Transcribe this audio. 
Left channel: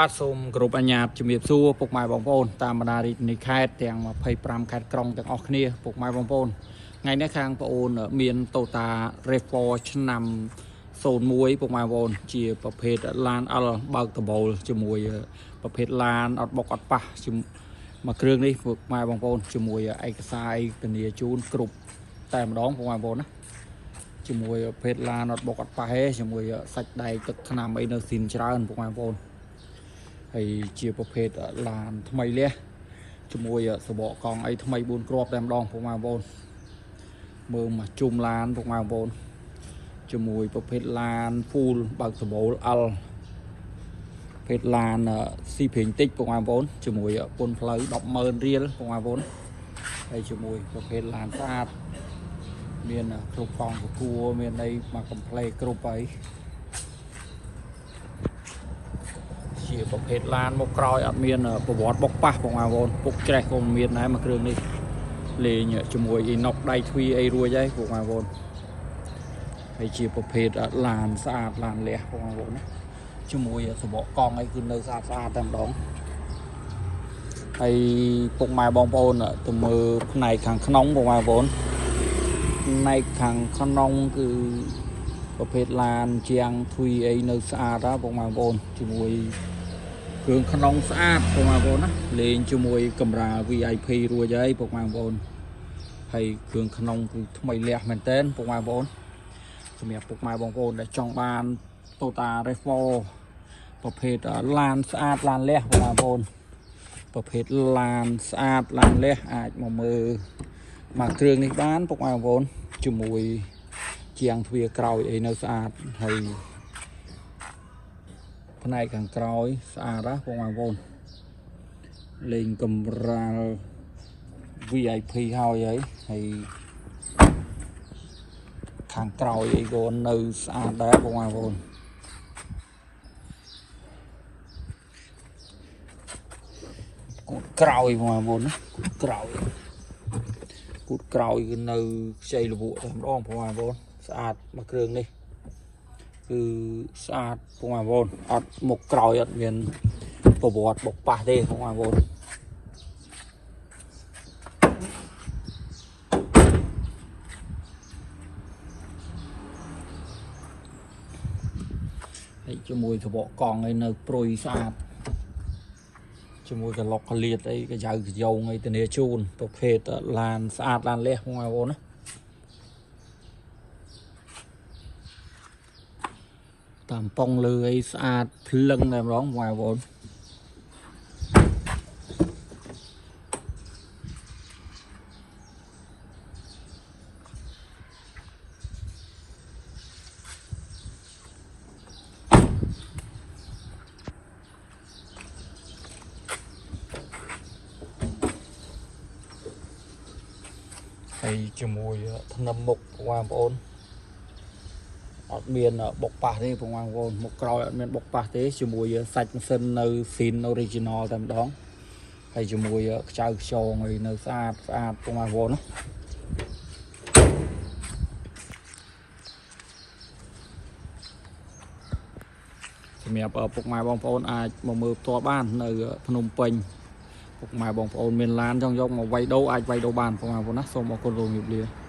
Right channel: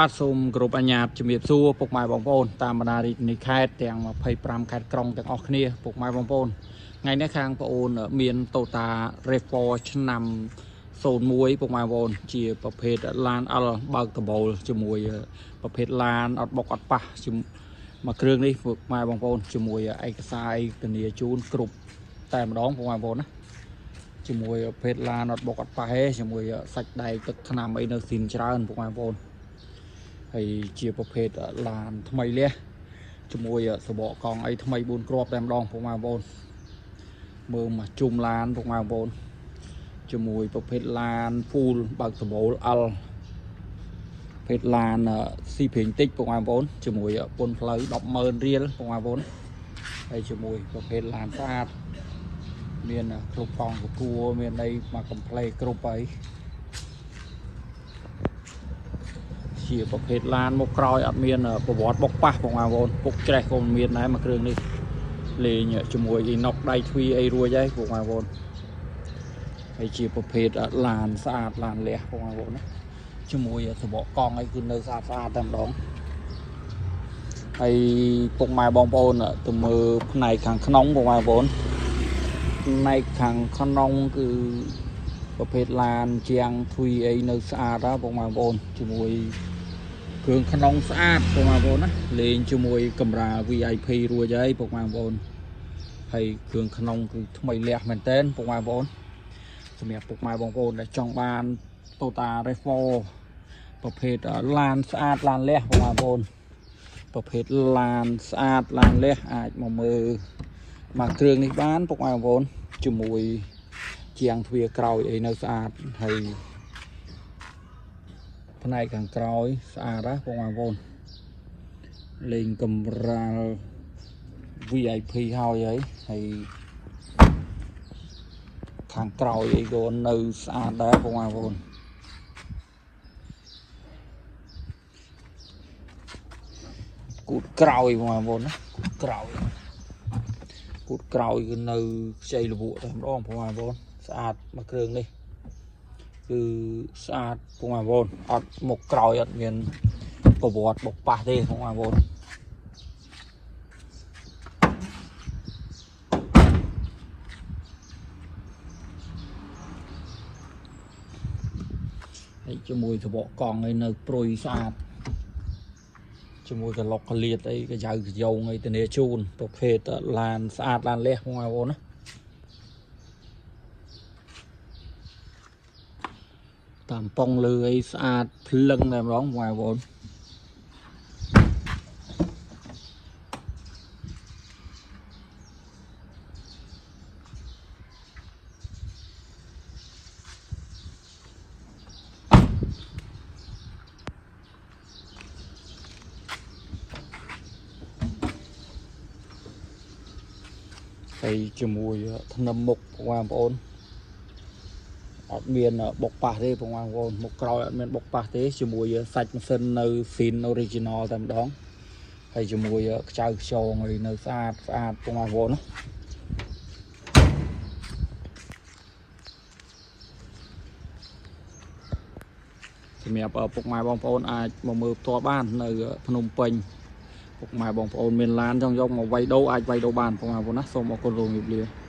បាទសូមគោរពអាជ្ញាជំរាបសួរពុកម៉ែបងប្អូនតាមបណ្ដារីនៃខេត្តទាំង25ខេត្តក្រុងទាំងអស់គ្នាពុកម៉ែបងប្អូនថ្ងៃនេះខាងបងប្អូនមាន Toyota RAV4 ឆ្នាំ01ពុកម៉ែបងប្អូនជាប្រភេទឡានអលបើកដបូលជាមួយប្រភេទឡានអត់បុកអត់ប៉ះមួយគ្រឿងនេះពុកម៉ែបងប្អូនជាមួយឯកសារធានាជូនគ្រប់តែម្ដងពុកម៉ែបងប្អូនណាជាមួយប្រភេទឡានអត់បុកអត់ប៉ះទេជាមួយសាច់ដែកទឹកថ្នាំអីនៅស៊ីនច្រើនពុកម៉ែបងប្អូនហើយជាប្រភេទឡានថ្មីលះជាមួយសបកកង់អីថ្មី4គ្រាប់តែម្ដងពុកម៉ែបងប្អូនមើលមកជុំឡានពុកម៉ែបងប្អូនជាមួយប្រភេទឡាន full បើកដបូលអលប្រភេទឡានស៊ីព្រីងតិចពុកម៉ែបងប្អូនជាមួយពន្ធផ្លូវ 100000 រៀលពុកម៉ែបងប្អូនហើយជាមួយប្រភេទឡានស្អាតមានគ្រប់កង់ទទួលមានអីមកកំ pl គ្រប់ហើយជាប្រភេទឡានមកក្រោយអត់មានប្រវត្តិបុកប៉ះបងប្អូនពុកច្រេះក៏មានដែរមួយគ្រឿងនេះលេងជាមួយអ៊ីណុកដៃទ្វីអីរួចហើយបងប្អូនហើយជាប្រភេទឡានស្អាតឡានលះបងប្អូនណាជាមួយសបកកង់អីគឺនៅស្អាតតែម្ដងហើយពុកម៉ែបងប្អូនទៅមើលផ្នែកខាងក្នុងបងប្អូនផ្នែកខាងក្នុងគឺប្រភេទឡានជាងទ្វីអីនៅស្អាតណាបងប្អូនជាមួយគ្រឿងក្នុងស្អាតបងប្អូនណាលេងជាមួយកាមេរ៉ា VIP រួចហើយបងប្អូនហើយគ្រឿងក្នុងគឺថ្មីលះមែនតើបងប្អូនសម្រាប់ពុកម៉ែបងប្អូនដែលចង់បាន Toyota RAV4 ប្រភេទឡានស្អាតឡានលះបងប្អូនប្រភេទឡានស្អាតឡានលះអាចមកមើលមកគ្រឿងនេះបានពុកម៉ែបងប្អូនជាមួយជាងទ្វារក្រោយអីនៅស្អាតហើយផ្នែកខាងក្រោយស្អាតណាបងប្អូនលេងកម្រាល VIP ហើយខាងក្រោយអីក៏នៅស្អាតដែរបងប្អូនគូតក្រោយបងប្អូនណាគូតក្រោយគឺនៅខ្ចីលវក់តែម្ដងបងប្អូនស្អាតមកគ្រឿងនេះគឺស្អាតបងប្អូនអត់មុខក្រោយអត់មានប្រវត្តិបុកប៉ះទេបងប្អូនហើយជាមួយសបកកង់អីនៅព្រុយស្អាតជាមួយកឡុកកលៀតអីកញ្ចៅកញ្យងអីធានាជូនប្រភេទឡានស្អាតឡានលះបងប្អូនណាតាមប៉ងលើអីស្អាតភ្លឹងតែម្ដងបងប្អូនហើយជាមួយធ្នឹមមុខបងប្អូនអត់មានបុកប៉ះទេបងប្អូនមុខក្រោយអត់មានបុកប៉ះទេជាមួយសាច់ម៉ាស៊ីននៅ Fin Original តែម្ដងហើយជាមួយខ្ចៅខ្យងអីនៅស្អាតបងប្អូនណាសម្រាប់ពុកម៉ែបងប្អូនអាចមកមើលផ្ទាល់បាននៅភ្នំពេញពុកម៉ែបងប្អូនមានឡានចង់យកមកវាយដូរអាចវាយដូរបានបងប្អូនណាសូមអរគុណលោកជំរាបលា